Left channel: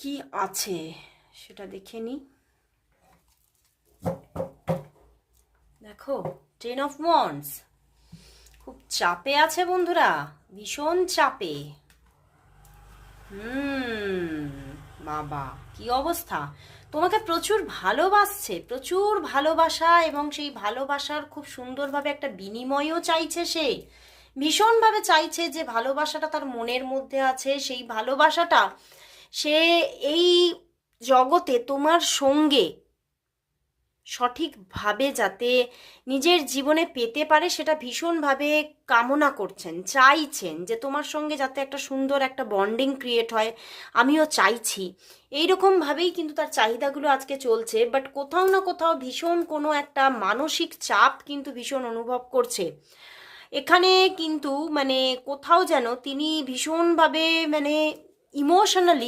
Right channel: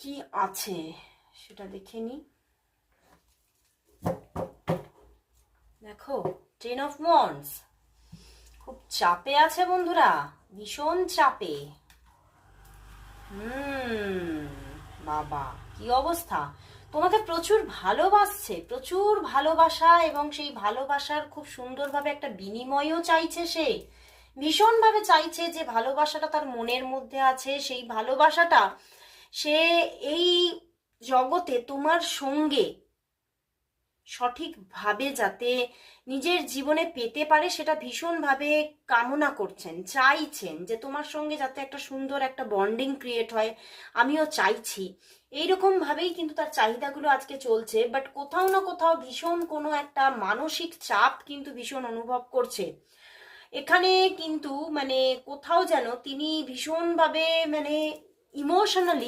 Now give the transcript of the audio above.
কি আছে সেটা দেখে নি। দেখো, 10 of Wands, খুব চাপে আছে বন্ধুরা, ভীষণ চাপে। বাবা কি অবস্থা, তোমাকে প্রচুর ভালোবাসছে, প্রচুর ভালোবাসা, এবং সেই ভালোবাসার খুব সুন্দরভাবে একটা বিনিময়ও চাইছে সে, ভীষণভাবে চাইছে যে ভালোবাসাটা তার মনের মধ্যে আছে, সেই ভালোবাসাটা সে এই জগতে তোমার সঙ্গে সঠিকভাবে যাতে নিজের জীবনে পেতে পারে সেটা ভীষণভাবে কামনা করছেন, চাইছেন যে তোমার সঙ্গে যাতে একটা সুন্দর একটা বন্ডিং ক্রিয়েট হয়, আমিও চাইছি। এইরকম ভাবেই কিন্তু তার চাহিদাগুলো আজকে চলছে, বাট কোথাও না কোথাও ভীষণ কোনো একটা মানসিক চাপ কিন্তু ভীষণ অনুভব করছে এখানে। কিন্তু মানে কোথাও যেন তিনি ভীষণভাবে মানে ইমোশনালি